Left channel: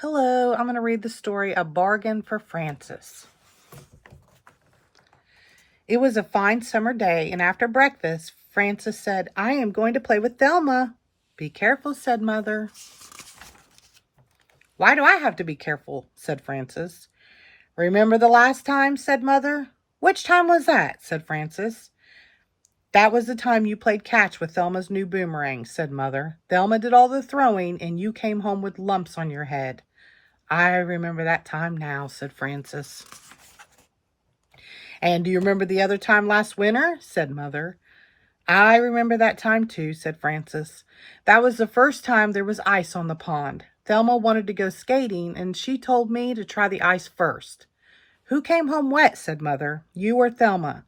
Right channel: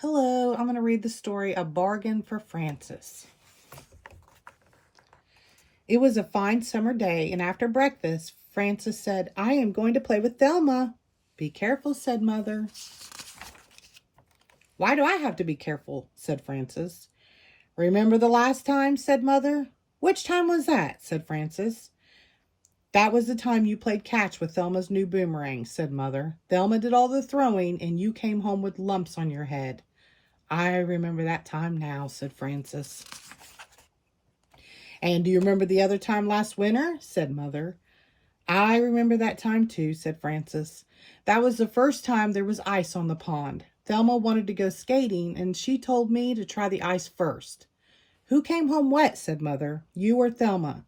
Hello, I'm going to read the story A Bargain for Francis. It was a fine summer day, and after breakfast, Francis said, "I am going to play with Thelma." "Be careful," said Mother. "Why do I have to be careful?" said Francis. "Remember the last time?" said Mother. "Which time was that?" said Francis. "That was the time you played catch with Thelma's new boomerang," said Mother. "Thelma did all the throwing, and you came home with lumps on your head." "I remember that time now," said Francis. "And do you remember the other time last winter?" said Mother. "I remember that time too," said Francis. "That was the first time there was ice on the pond. Thelma wanted to go skating, and she told me to try the ice first." "Who came home wet?" said Mother. "You or Thelma?"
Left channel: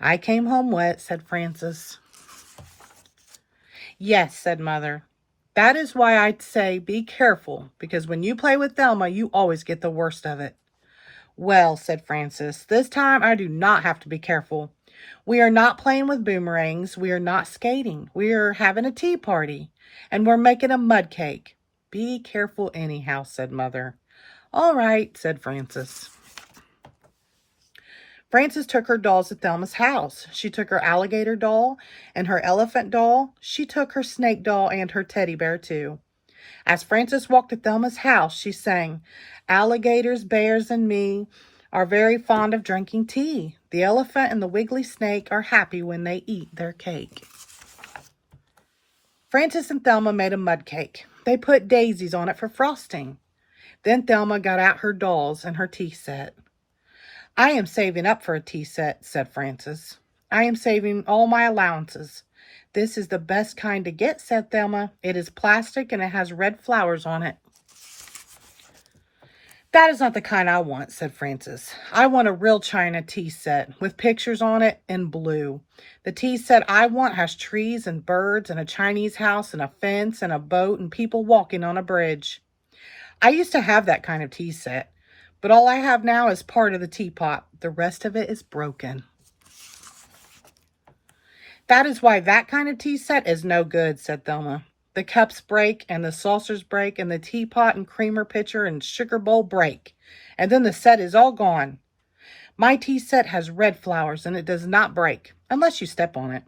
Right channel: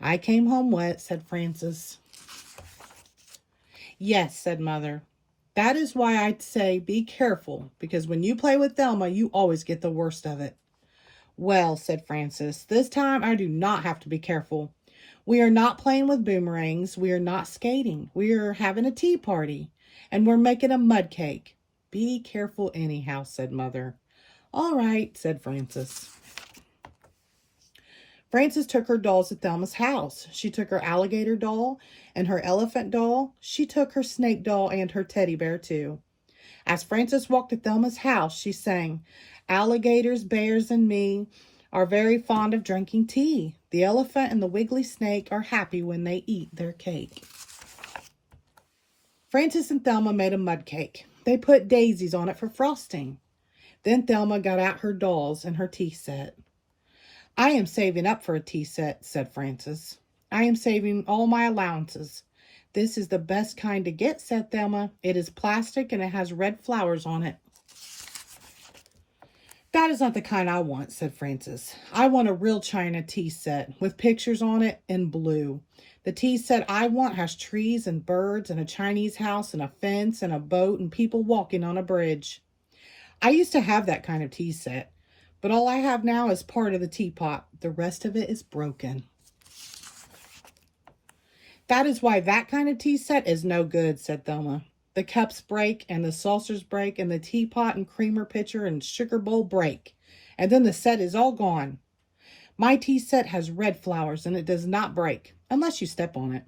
"I came home wet," said Francis. "Yes," said Mother. "That is why I'd say be careful, because when you play with Thelma, you always get the worst of it." "Well," said Francis, "this time I do not have to be careful. We are not playing with boomerangs. We are not skating. We are having a tea party, and we're making a mud cake." "Be careful anyhow," said Mother. "All right," said Francis. Frances took her dolls to Thelma's house. She took her alligator doll and her elephant doll. She took her snake doll and her teddy bear too. As Frances walked to Thelma's house, she sang, "Alligators, bears, and me are very fond of drinking tea. The elephant and the wiggly snake are happy when they eat their cake." Frances and Thelma made a mud cake. They put daisies on it for frosting. Then Thelma got out her dolls and her tea set. "I am saving up for a tea set," said Frances. "I am saving all my allowances." "This is the best kind to get," said Thelma. "It is plastic and it has red flowers on it." "That is not the kind I want," said Frances. "I want a real china tea set with pictures on it in blue. The tea set I want has trees and birds and a Chinese house and a fence and a boat and people walking on a bridge. I used to have that kind of tea set, but all I have now is part of the teapot. The rest of it is broken." "That is why that kind of tea set is no good," said Thelma. "The cups break, and the saucers break, and the teapot and creamer pitcher and sugar bowl break, and then the set is all gone. My tea set has red flowers, and it does not break, unless you step on it."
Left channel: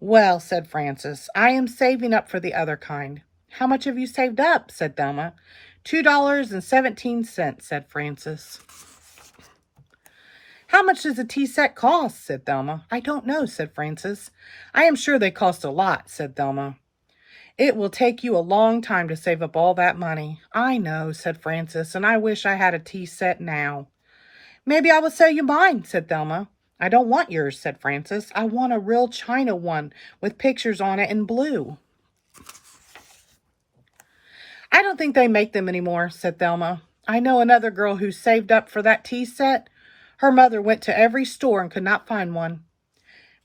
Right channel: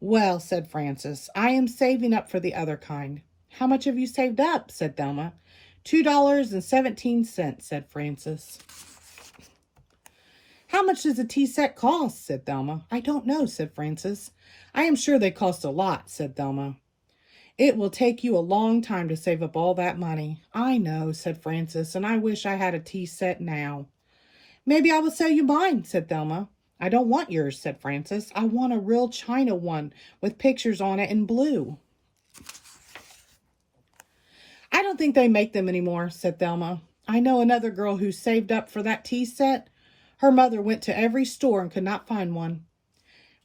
"Well," said Frances, "I am saving up for the other kind." "How much have you saved up?" said Thelma. $2.17, said Frances. "How much does a tea set cost?" said Thelma. "I don't know," said Frances. "I am sure they cost a lot," said Thelma. "It will take you a long time to save up all that money." "I know," said Frances, "and I wish I had a tea set now." "Maybe I will sell you mine," said Thelma. "I don't want yours," said Frances. "I want a real china one with pictures on it in blue." "I don't think they make them anymore," said Thelma. "I know another girl who saved up for that tea set. Her mother went to every store and could not find one.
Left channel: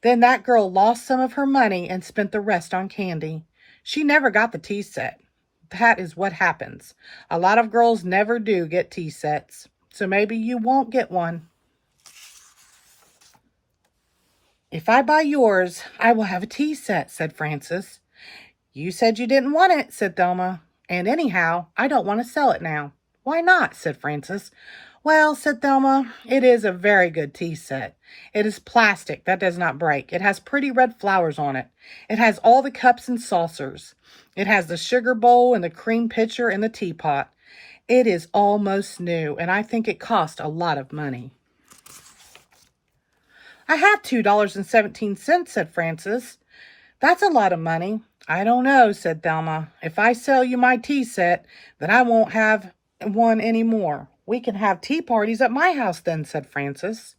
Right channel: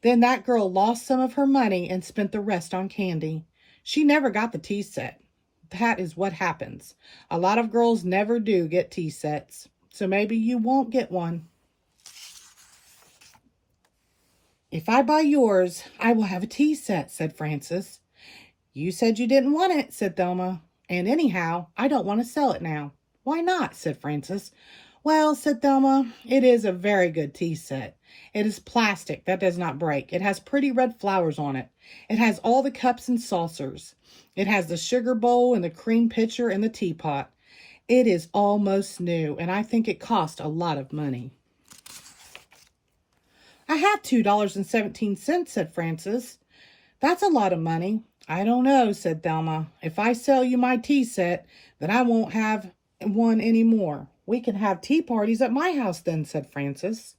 Then that girl lost some of her money and spent the rest on candy. She never got the tea set. That is what happens. A lot of girls never do get tea sets. So maybe you won't get one." "If I buy yours, I will have a tea set," said Frances. "You said you didn't want it," said Thelma. "And anyhow, I don't want to sell it now." "Why not?" said Frances. "Well," said Thelma, "it is a very good tea set. It is plastic that does not break. It has pretty red flowers on it. It has all the cups and saucers. It has the sugar bowl and the cream pitcher and the teapot. It is almost new, and I think it cost a lot of money." "I have $2.17, said Frances. "That's a lot of money." "I don't know," said Thelma. "If I sell you my tea set, then I won't have one anymore." "We can have tea parties at my house then," said Frances.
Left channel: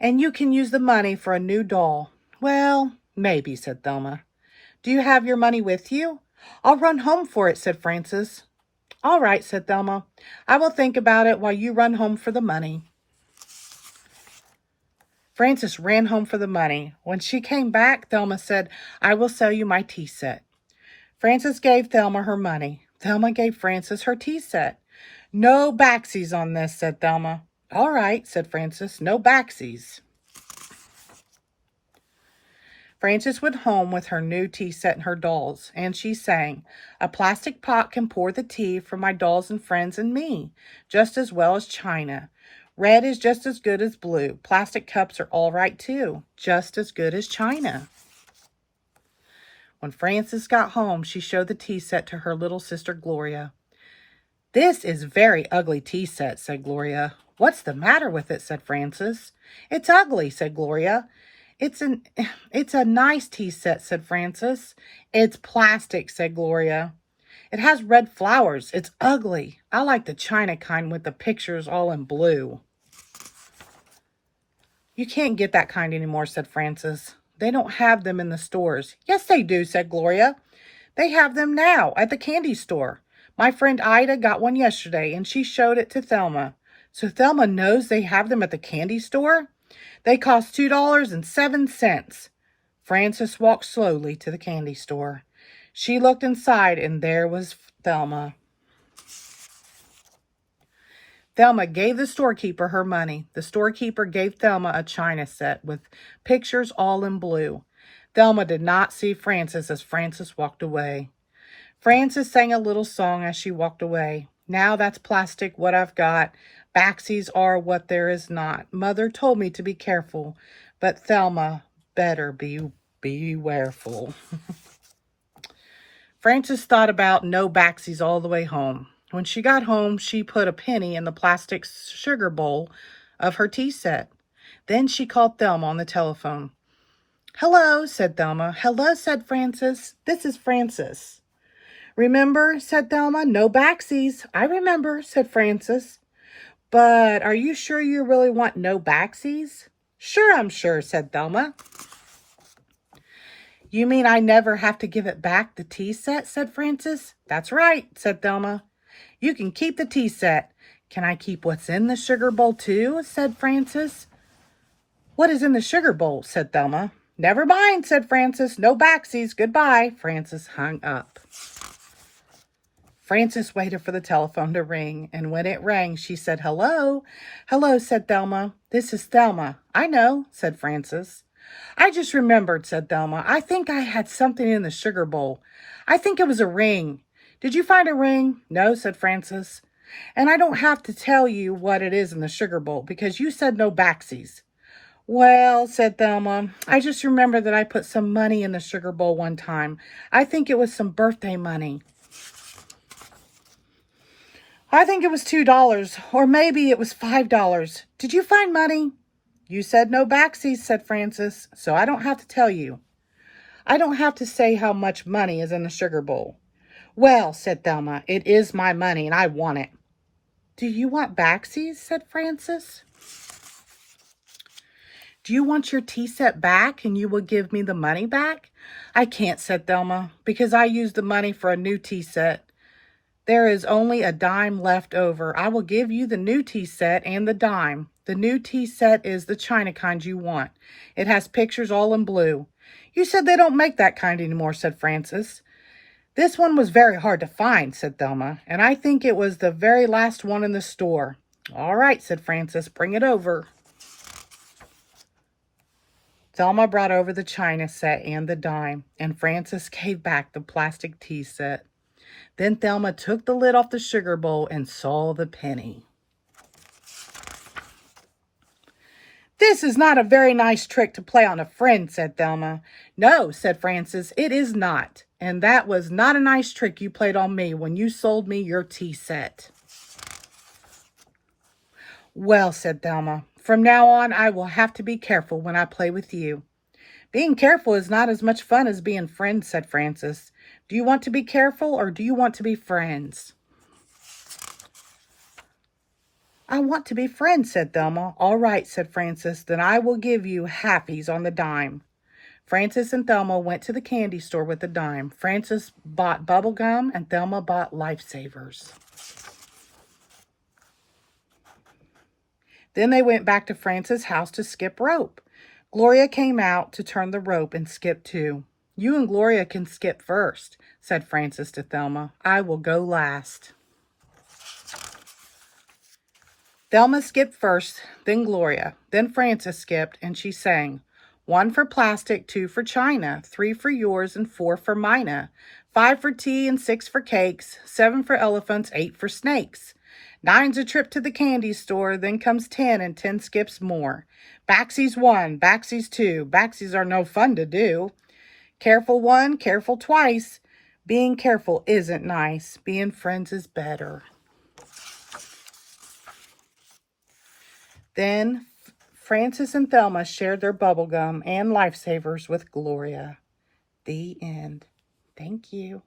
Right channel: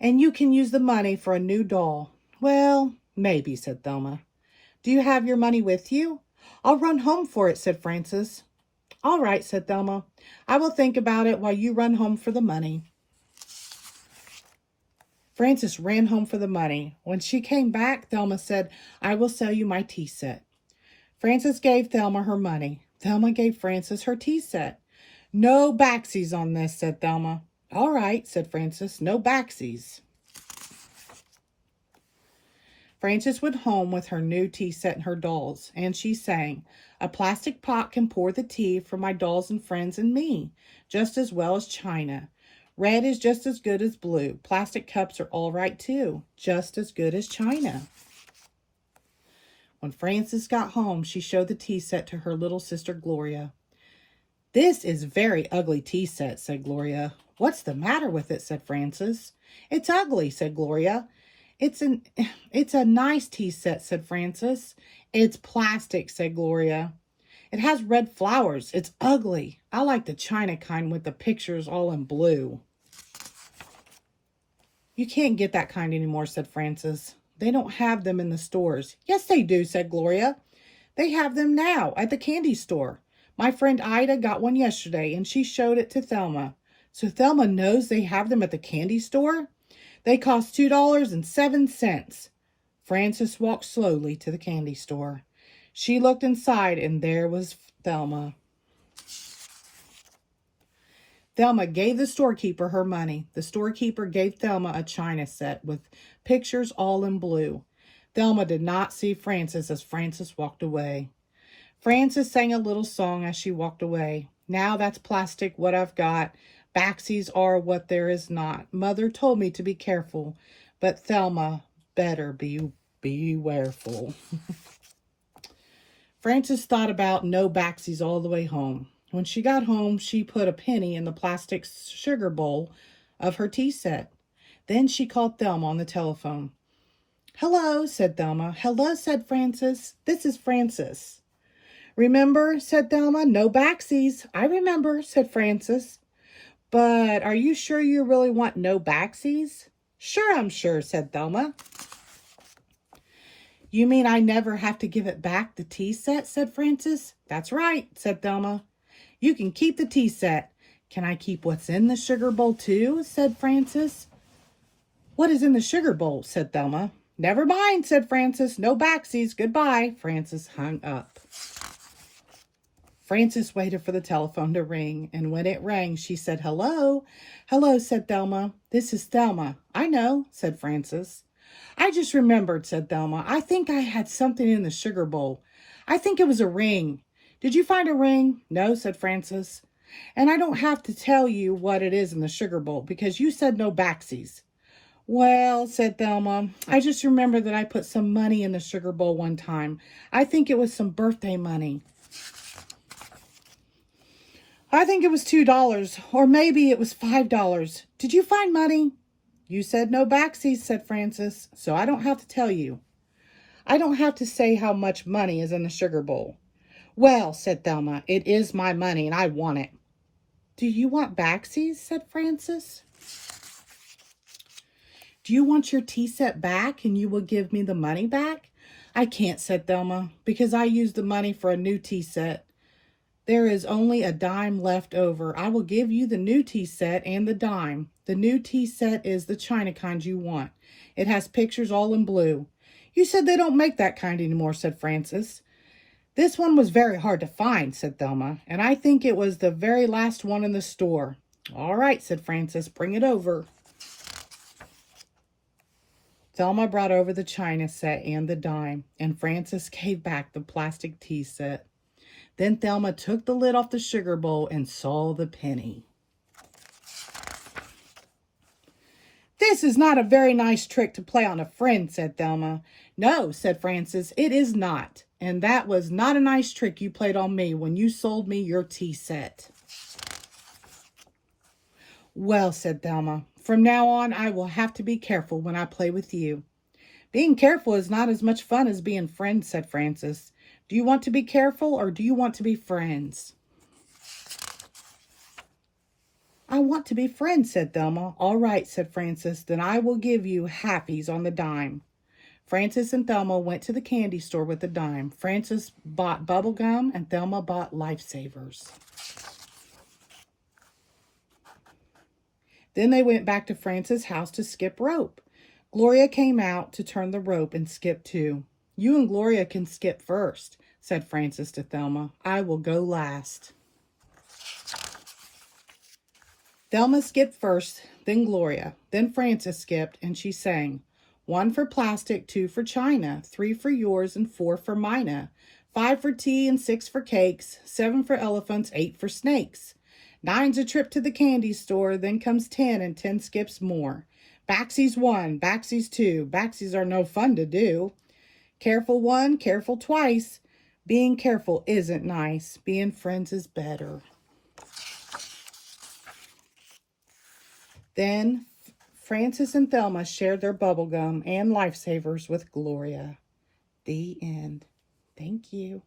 "And you can use the money for a new doll." "Well, maybe," said Thelma. "Do you have your money with you?" "I'll run home for it," said Frances. "All right," said Thelma. "I will think about it while you run home for the money." Frances ran home for the money. When she came back, Thelma said, "I will sell you my tea set." Frances gave Thelma her money. Thelma gave Frances her tea set. "No backsies on this," said Thelma. "All right," said Frances. "No backsies." Frances went home with her new tea set and her dolls, and she sang, "A plastic pot can pour the tea for my dolls and friends and me, just as well as china. Red is just as good as blue. Plastic cups are all right too, just as good as china." When Frances got home, she showed the tea set to her little sister Gloria. "This is very ugly tea set," said Gloria. "What's the matter with it?" said Frances. "It's ugly," said Gloria. It's a nice tea set," said Frances. "It's plastic," said Gloria. "It has red flowers. It's ugly. I like the china kind with the pictures all in blue." "You can't get that kind anymore," said Frances. "They don't have them in the stores." "Yes, they do," said Gloria. "They have them now at the candy store. My friend Ida got one yesterday, and she showed it to Thelma. So Thelma knows they have them at the candy store? They cost $2.07. Frances walked slowly to the candy store. She looked inside, and there was Thelma. Thelma gave the storekeeper her money. The storekeeper gave Thelma a china set with pictures all in blue. Thelma did not see Frances as Frances walked away. Frances sang a little song as she walked away. "Now that's plastic what I've got. Backsies are what there is not. Mother told me to be careful, but Thelma better be wareful." Frances thought about no backsies all the way home. When she got home, she put a penny in the plastic sugar bowl of her tea set. Then she called Thelma on the telephone. "Hello," said Thelma. "Hello," said Frances. "This is Frances." "Remember," said Thelma, "no backsies." "I remember," said Frances. "But are you sure you really want no backsies?" "Sure, I'm sure," said Thelma. "You mean I never have to give it back, the tea set?" said Frances. "That's right," said Thelma. "You can keep the tea set." "Can I keep what's in the sugar bowl too?" said Frances. "What is in the sugar bowl?" said Thelma. "Never mind," said Frances. "No backsies. Goodbye." Frances hung up. Frances waited for the telephone to ring, and when it rang, she said, "Hello." "Hello," said Thelma. "This is Thelma." "I know," said Frances. "I just remembered," said Thelma. "I think I had something in the sugar bowl. I think it was a ring. Did you find a ring?" "No," said Frances. "And I don't have to tell you what it is in the sugar bowl because you said no backsies." "Well," said Thelma, "I just remember that I put some money in the sugar bowl one time. I think it was some birthday money. I think it was $2, or maybe it was $5. Did you find money?" "You said no backsies," said Frances, "so I don't have to tell you. I don't have to say how much money is in the sugar bowl." "Well," said Thelma, "it is my money and I want it." "Do you want backsies?" said Frances. "Do you want your tea set back and you will give me the money back?" "I can't," said Thelma, "because I used the money for a new tea set. There is only a dime left over. I will give you the new tea set and the dime. The new tea set is the china kind you want. It has pictures all in blue." "You said they don't make that kind anymore," said Frances. "This one was very hard to find," said Thelma, "and I think it was the very last one in the store." "All right," said Frances, "bring it over." Thelma brought over the china set and the dime, and Frances gave back the plastic tea set. Then Thelma took the lid off the sugar bowl and saw the penny. "This is not a very nice trick to play on a friend," said Thelma. "No," said Frances, "it is not. And that was not a nice trick you played on me when you sold me your tea set." "Well," said Thelma, "from now on I will have to be careful when I play with you." "Being careful is not as much fun as being friends," said Frances. "Do you want to be careful or do you want to be friends?" "I want to be friends," said Thelma. "All right," said Frances, "then I will give you halfies on the dime." Frances and Thelma went to the candy store with the dime. Frances bought bubble gum and Thelma bought lifesavers. Then they went back to Frances' house to skip rope. Gloria came out to turn the rope and skip too. "You and Gloria can skip first," said Frances to Thelma. "I will go last." Thelma skipped first, then Gloria, then Frances skipped, and she sang, 1 for plastic, 2 for china, 3 for yours, and 4 for mina. 5 for tea and 6 for cakes, 7 for elephants, 8 for snakes. 9's a trip to the candy store, then comes 10 and 10 skips more. Backsies 1, backsies 2, backsies are no fun to do. Careful one, careful twice. Being careful isn't nice. Being friends is better. Then Francis and Thelma shared their bubble gum and lifesavers with Gloria. The end. Thank you.